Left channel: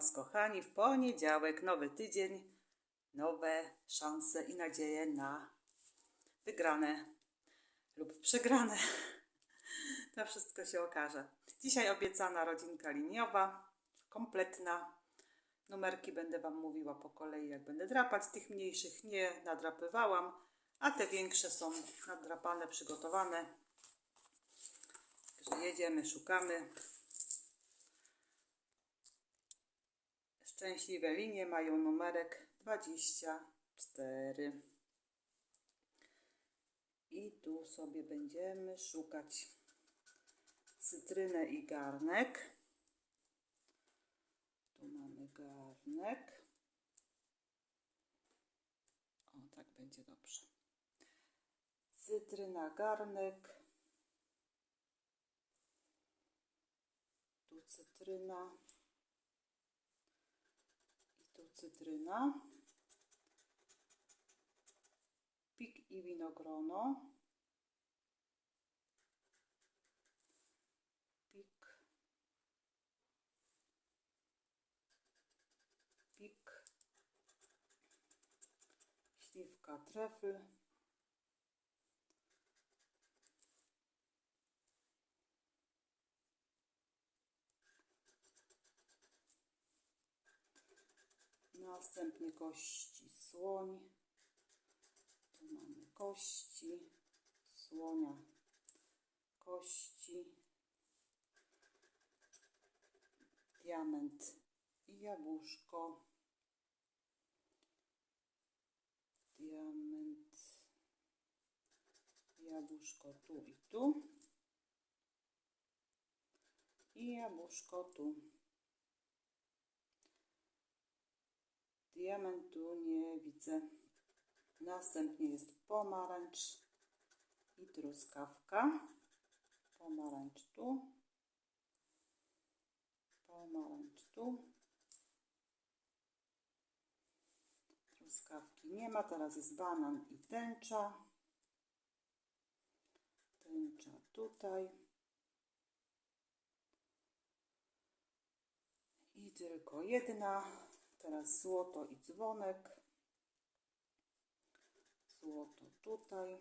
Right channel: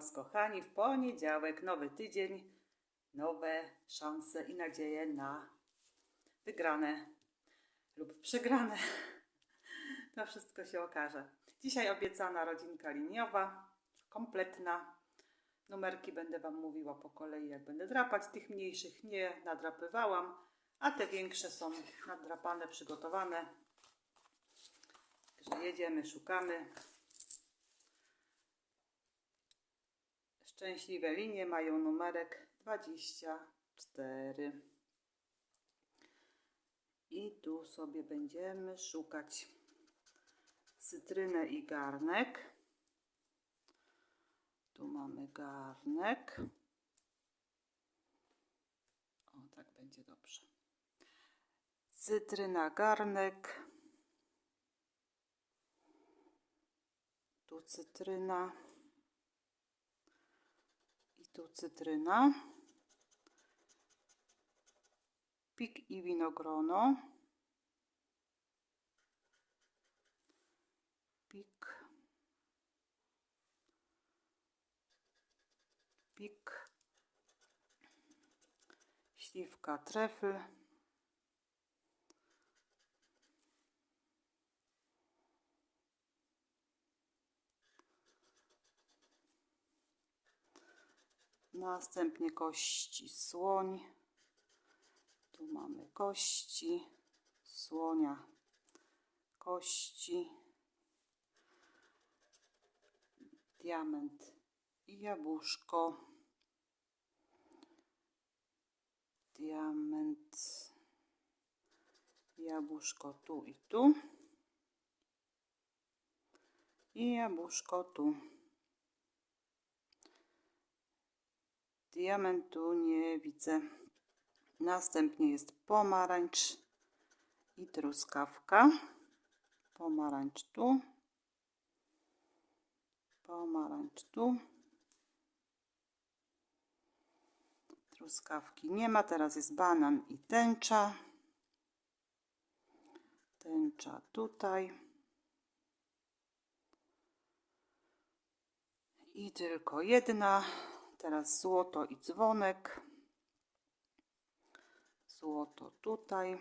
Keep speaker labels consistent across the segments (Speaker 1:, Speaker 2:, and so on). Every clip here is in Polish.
Speaker 1: Was, kochani, w poniedziałek, nowy tydzień, nowe szanse i nadzieje na wygrane lub przegrane. To wszystko się okaże. Dzisiaj obiecana rodzinka liniowa, kompletna. Numerki będę Wam mówiła po kolei, jak będę drapać. Tych mniejszych nie nadrapywałam, a te większe są nadrapane, przygotowane. Także jedziemy, szukamy. Szczęśliwe linie mają numerek 24. I tu sobie będziemy szukać cytrynę i garnek. Tu mamy garnek. O, tak będzie dobrze. Cytryna, garnek. Tu cytryna. Tu cytryna. Pik i winogrono. Pik. Pik. Śliwka trefl. Następnie kości słoń. Tu mamy kości słonia, kości, diament i jabłuszko, diament, jabłuszko tu i tu i jabłuszko tu. Diamentu nie widzę. Następnie jest pomarańcz i truskawka. Pomarańcz tu. Pomarańcz tu. Truskawki nie ma. Teraz jest banan i tęcza. Tęcza tutaj. I tylko jedna. Teraz złoto i dzwonek. Złoto tutaj.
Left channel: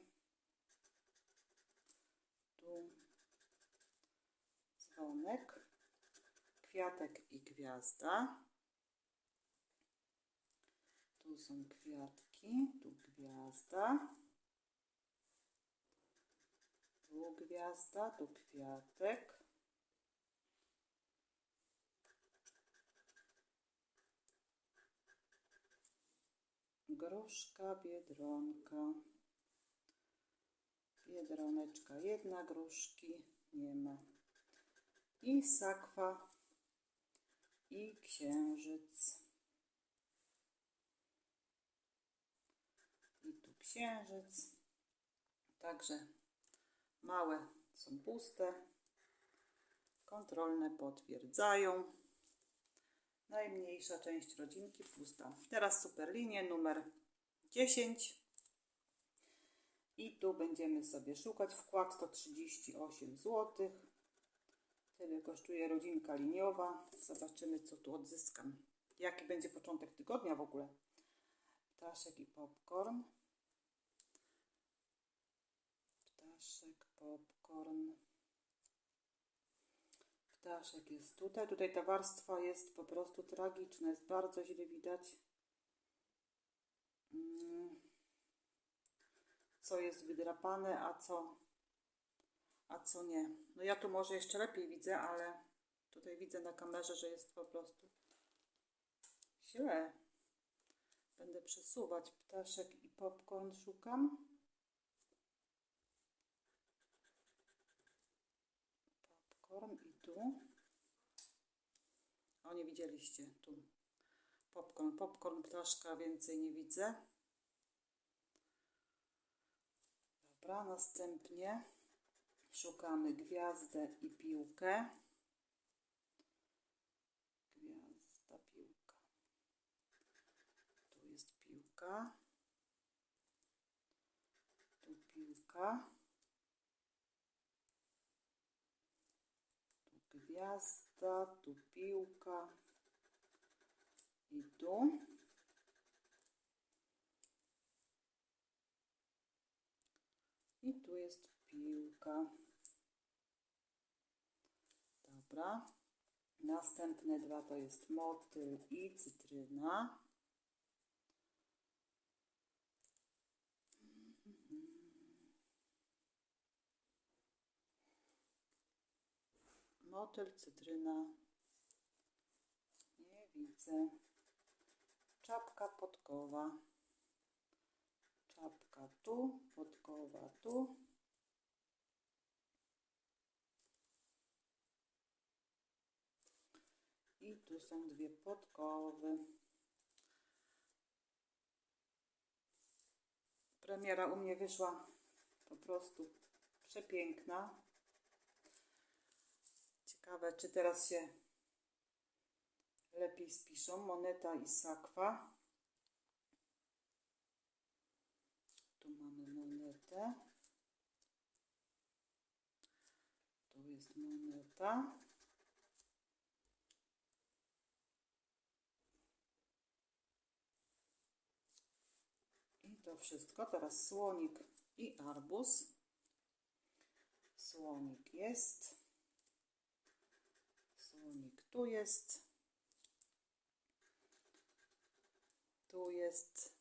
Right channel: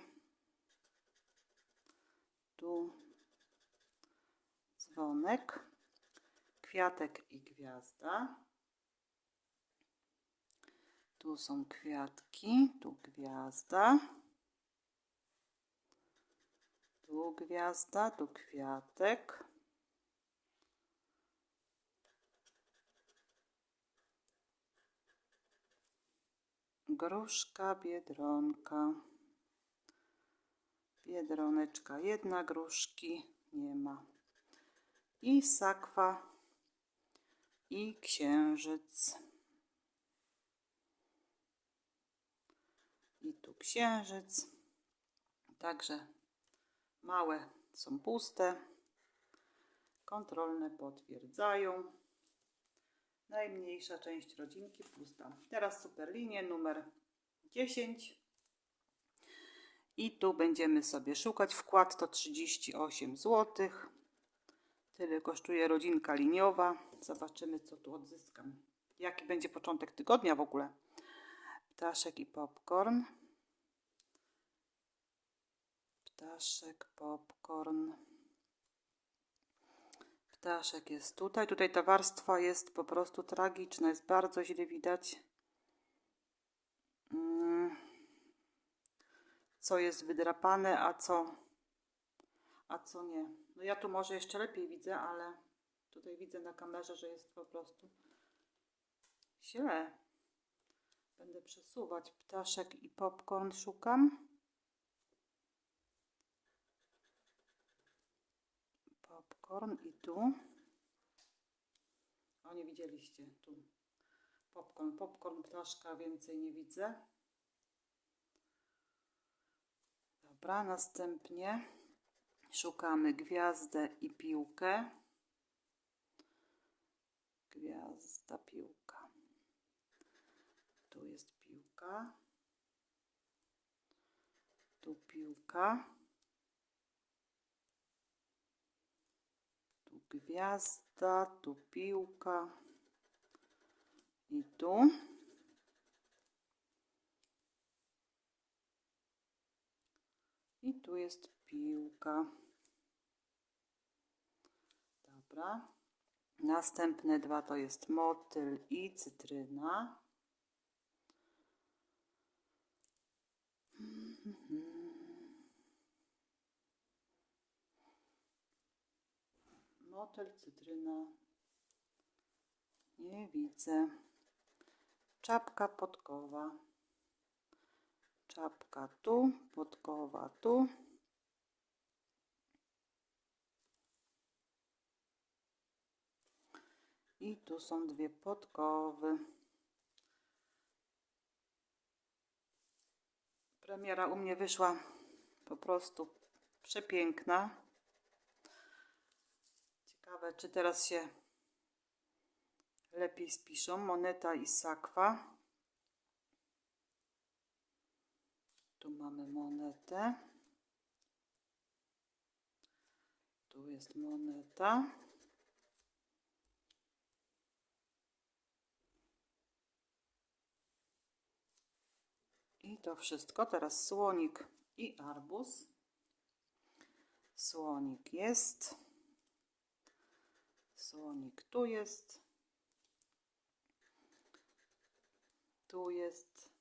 Speaker 1: Tu dzwonek. Kwiatek i gwiazda. Tu są kwiatki, tu gwiazda. Tu gwiazda, tu kwiatek. Gruszka, biedronka. Biedroneczka, jedna gruszki nie ma. I sakwa i księżyc. I tu księżyc. Także małe są puste. Kontrolne potwierdzają. Najmniejsza część rodzinki pusta. Teraz superlinie numer 10. I tu będziemy sobie szukać. Wkład to 38 zł. Tyle kosztuje rodzinka liniowa. Zobaczymy, co tu odzyskam. Jaki będzie początek tygodnia w ogóle. Ptaszek i popcorn. Ptaszek, popcorn. Ptaszek jest tutaj. Tutaj ta warstwa jest po prostu tragiczna. Jest bardzo źle widać. Mm. Co jest wydrapane, a co, a co nie. No ja tu może jeszcze lepiej widzę, ale tutaj widzę na kamerze, że jest po prostu źle. Będę przesuwać ptaszek i popcorn szukam. Popcorn i tu. O, nie widzieliście tu. Popcorn, popcorn, ptaszka, więcej nie widzę. Dobra, następnie szukamy gwiazdę i piłkę. Gwiazda, piłka. Tu jest piłka. Tu piłka. Gwiazda, tu piłka. I tu. I tu jest piłka. Dobra. Następne dwa to jest motyl i cytryna. Motyl, cytryna. Nie widzę. Czapka podkowa. Czapka tu, podkowa tu. I tu są dwie podkowy. Premiera u mnie wyszła po prostu przepiękna. Ciekawe, czy teraz się lepiej spiszą. Moneta i sakwa. Tu mamy monetę. Tu jest moneta. I to wszystko. Teraz słonik i arbuz. Słonik jest. Słonik tu jest. Tu jest.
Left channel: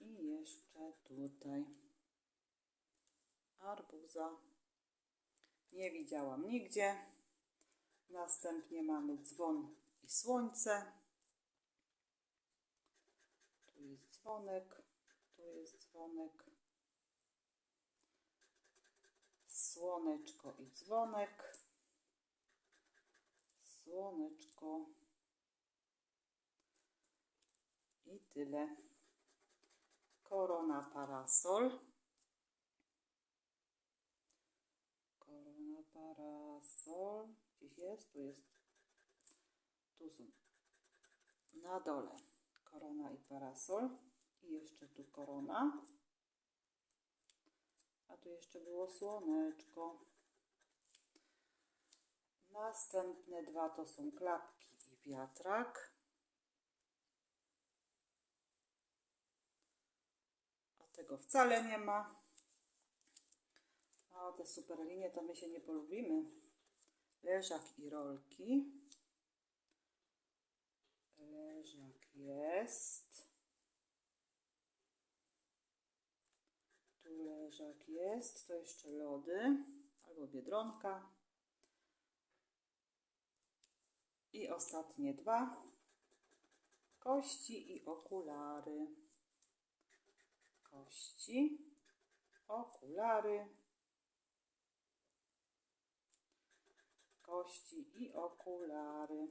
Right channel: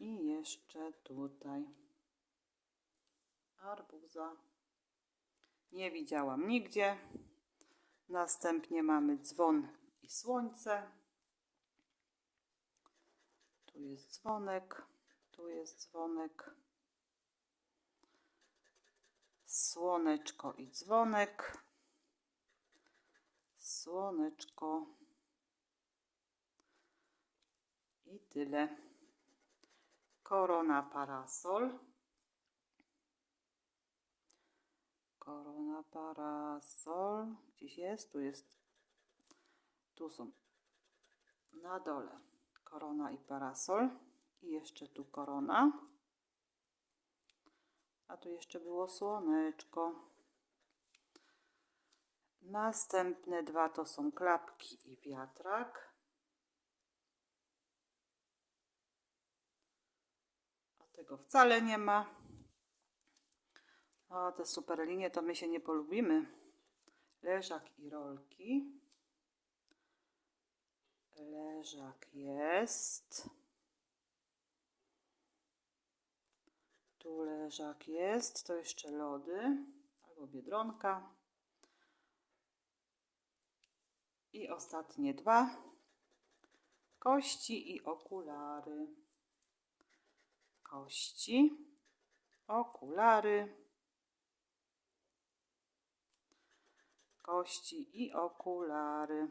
Speaker 1: I jeszcze tutaj. Arbuza. Nie widziałam nigdzie. Następnie mamy dzwon i słońce. Tu jest dzwonek. Tu jest dzwonek. Słoneczko i dzwonek. Słoneczko. I tyle. Korona parasol. Korona parasol. Gdzieś jest? Tu jest. Tu są. Na dole. Korona i parasol. I jeszcze tu korona. A tu jeszcze było słoneczko. Następne dwa to są klapki i wiatrak. A tego wcale nie ma. A te super linie to my się nie polubimy. Leżak i rolki. Leżak jest. Leżak jest. To jeszcze lody. Albo biedronka. I ostatnie dwa. Kości i okulary. Kości, okulary. Kości i okulary.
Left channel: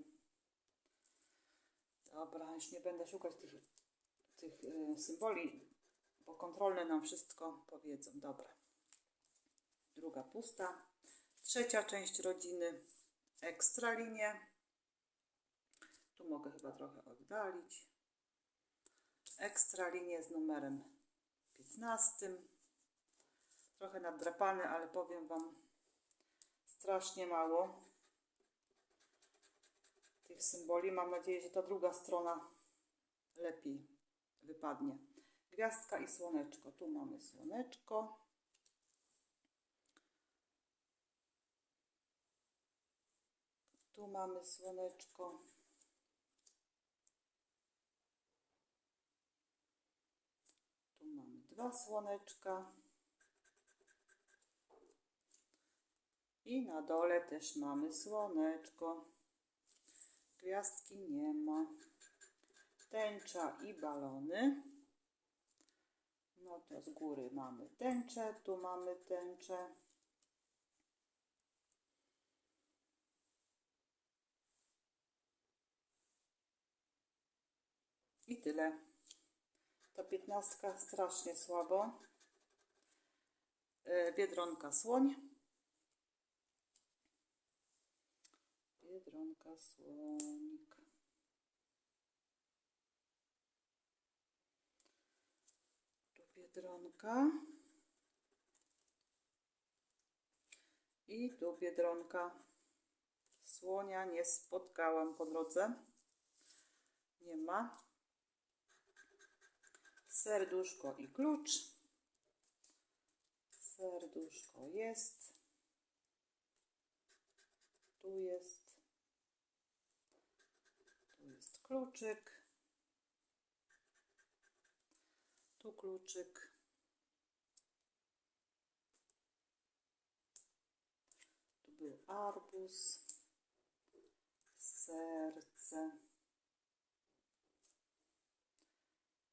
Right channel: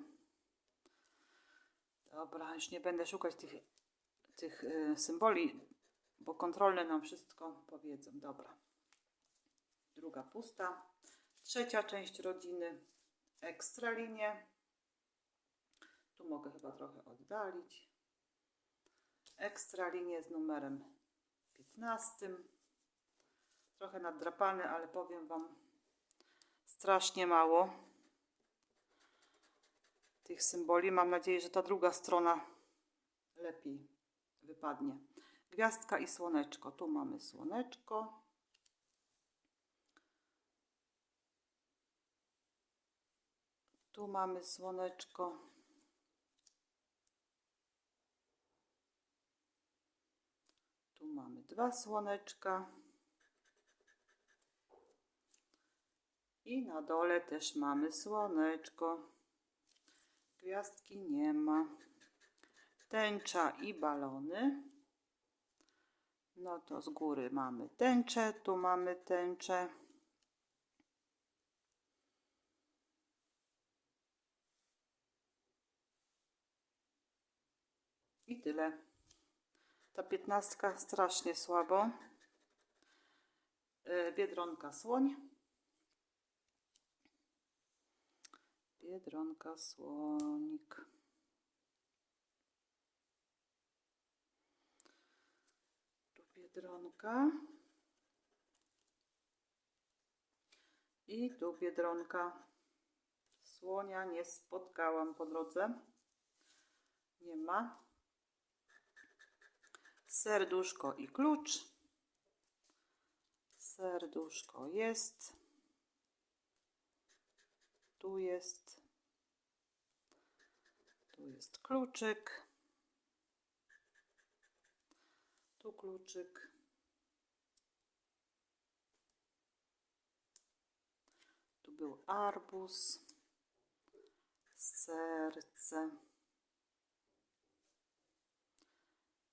Speaker 1: Dobra, już nie będę szukać tych, tych y, symboli, bo kontrolne nam wszystko powiedzą. Dobra. Druga pusta. Trzecia część rodziny. Ekstra linie. Tu mogę chyba trochę oddalić. Ekstra linie z numerem 15. Trochę nadrapany, ale powiem Wam strasznie mało tych symboli. Mam nadzieję, że ta druga strona lepiej wypadnie. Gwiazdka i słoneczko. Tu mamy słoneczko. Tu mamy słoneczko. Tu mamy dwa słoneczka. I na dole też mamy słoneczko. Gwiazdki nie ma. Tęcza i balony. No to z góry mamy tęczę, tu mamy tęczę. I tyle. Ta piętnastka strasznie słabo. E, Biedronka słoń. Biedronka słonik. Tu biedronka. I tu biedronka Słonia nie spotkałam po drodze. Nie ma. Serduszko i klucz. Serduszko jest. Tu jest. Tu jest kluczyk. Tu kluczyk. Tu był arbuz. Serce.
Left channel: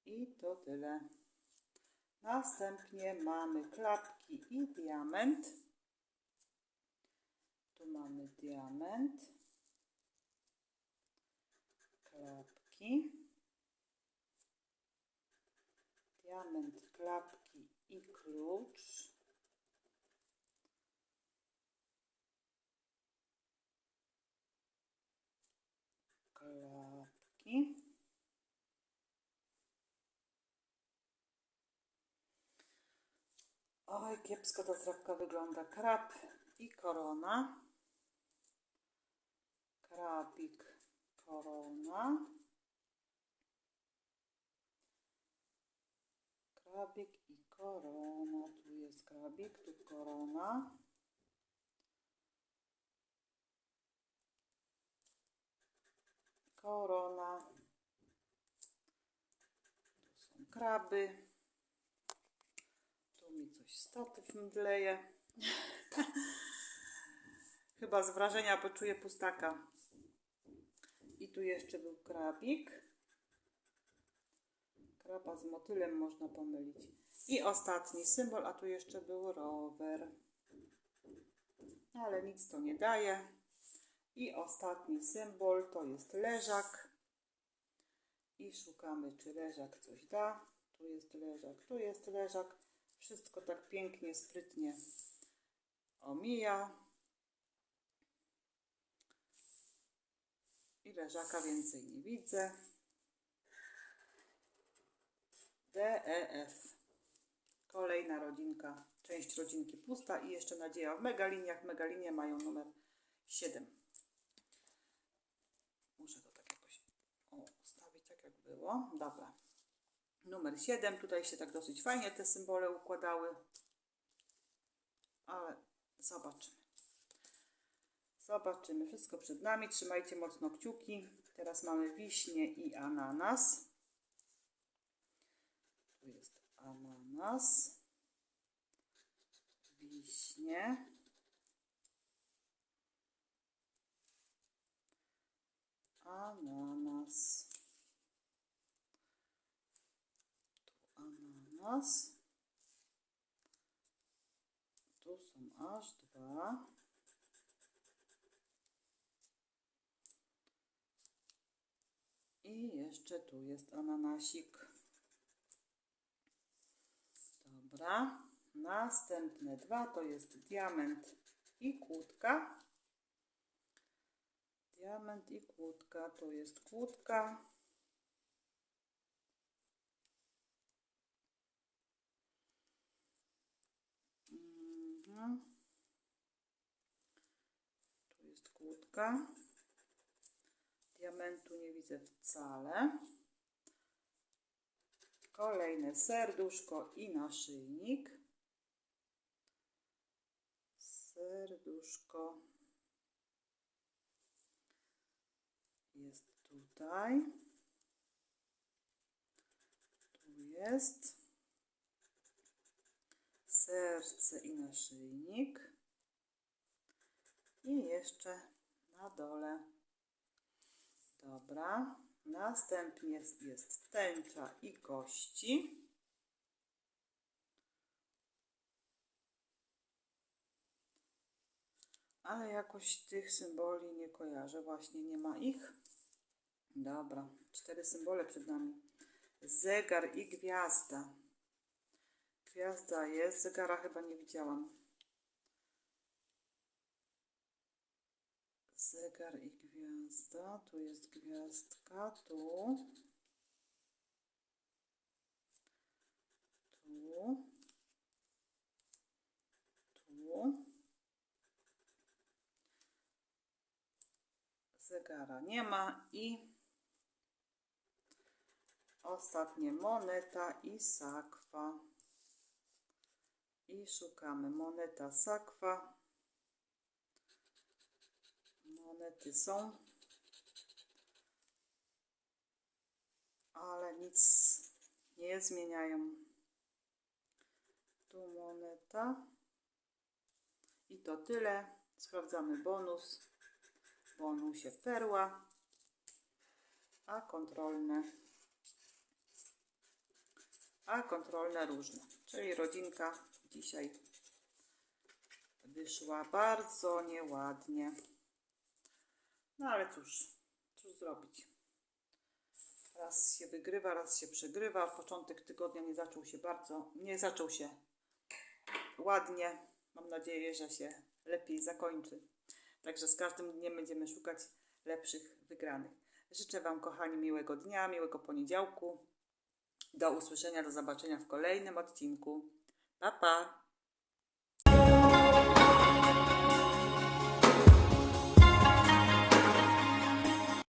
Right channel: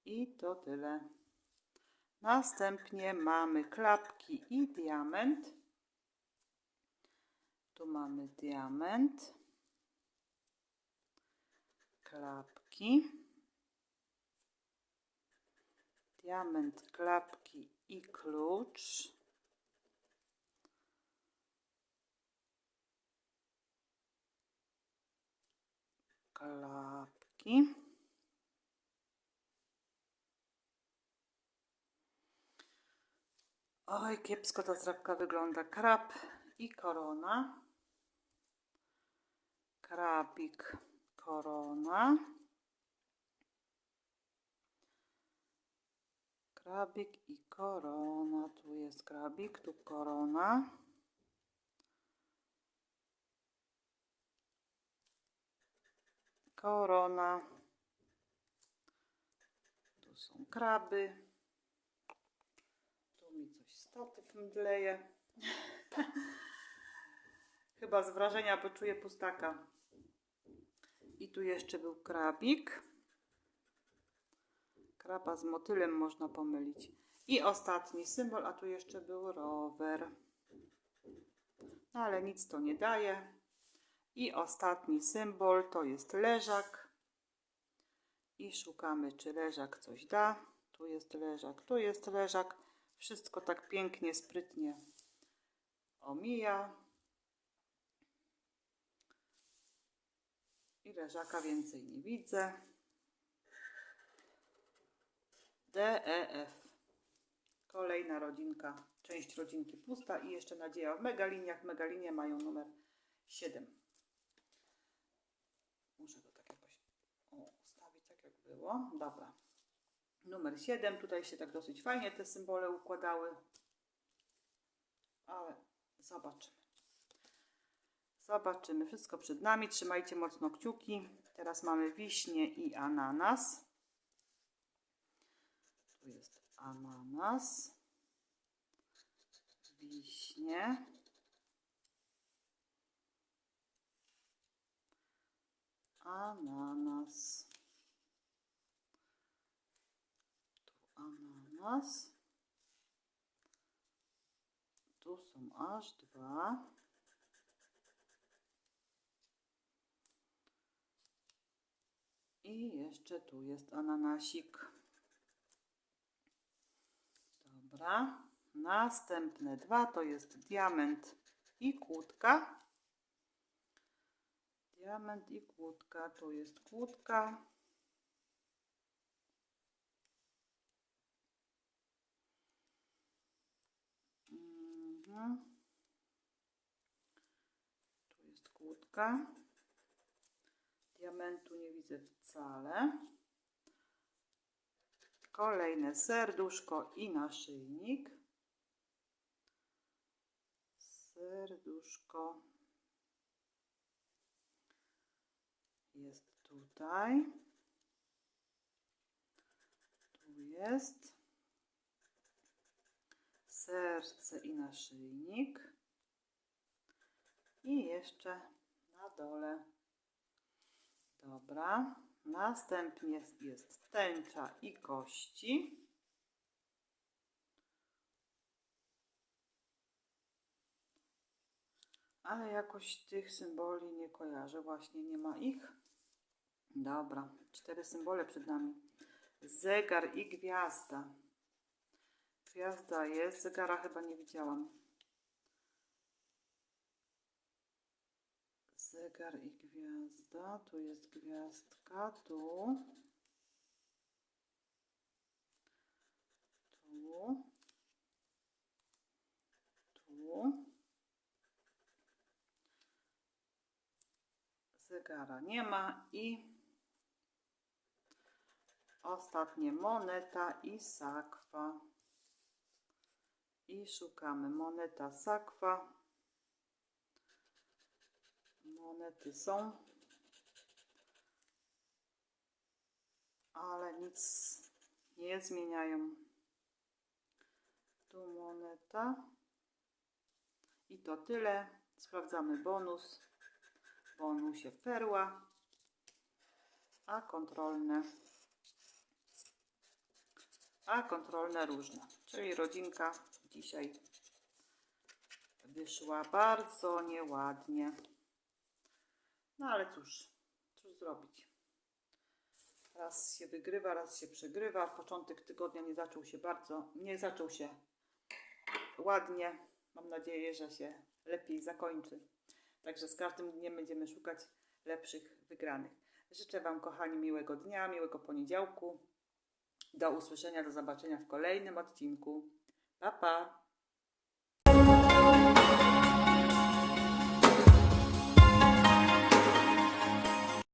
Speaker 1: I to tyle. Następnie mamy klapki i diament. Tu mamy diament. Klapki. Diament, klapki i klucz. Klapki. Oj, kiepsko ta zdrabka wygląda. Krab i korona. Krabik, korona. Krabik i korona. Tu jest krabik, tu korona. Korona. Tu są kraby. Tu mi coś statyw mdleje. Chyba z wrażenia poczuję pustaka. I tu jeszcze był krabik. Kraba z motylem można pomylić. I ostatni symbol, a tu jeszcze był rower. No ale nic to nie daje. I ostatni symbol to jest leżak. I szukamy, czy leżak coś da. Tu jest leżak, tu jest leżak. Wszystko tak pięknie, sprytnie omija. I leżaka więcej nie widzę. D, E, F. Kolejna rodzinka, część rodzinki pusta i jeszcze nadzieja w megaliniach. Megalinie mają numer 7. Muszę to tak jakoś ustawić tak jak było. Dobra. Numer 7. Tutaj się tak dosyć fajnie te symbole układały. Ale zobaczymy. Zobaczymy. Wszystko przed nami. Trzymajcie mocno kciuki. Teraz mamy wiśnie i ananas. Tu jest ananas. Wiśnie. Ananas. Tu ananas. Tu są aż dwa. I jeszcze tu jest ananasik. Dobra. Następne dwa to jest diament i kłódka. Diament i kłódka. Tu jest kłódka. Mhm. Tu jest kłódka. Diamentu nie widzę wcale. Kolejne serduszko i naszyjnik. Serduszko jest tutaj. Tu jest serce i naszyjnik. I jeszcze na dole. Dobra. Następnie jest tęcza i kości. Ale jakoś tych symboli nie kojarzę. Właśnie nie ma ich. Dobra. Cztery symbole przed nami. Zegar i gwiazda. Gwiazda jest. Zegara chyba nie widziałam. Zegar i gwiazda. Tu jest gwiazdka. Tu. Tu. Tu. zegara nie ma i ostatnie moneta i sakwa. I szukamy moneta sakwa. Monety są, ale nic nie zmieniają. Tu moneta. I to tyle. Sprawdzamy bonus. Bonusie perła. A kontrolne. A kontrolne różne. Czyli rodzinka dzisiaj wyszła bardzo nieładnie. No ale cóż, cóż zrobić. Raz się wygrywa, raz się przegrywa. Początek tygodnia nie zaczął się bardzo, nie zaczął się ładnie. Mam nadzieję, że się lepiej zakończy. Także z każdym dniem będziemy szukać lepszych wygranych. Życzę Wam, kochani, miłego dnia, miłego poniedziałku. Do usłyszenia, do zobaczenia w kolejnym odcinku. Pa, pa!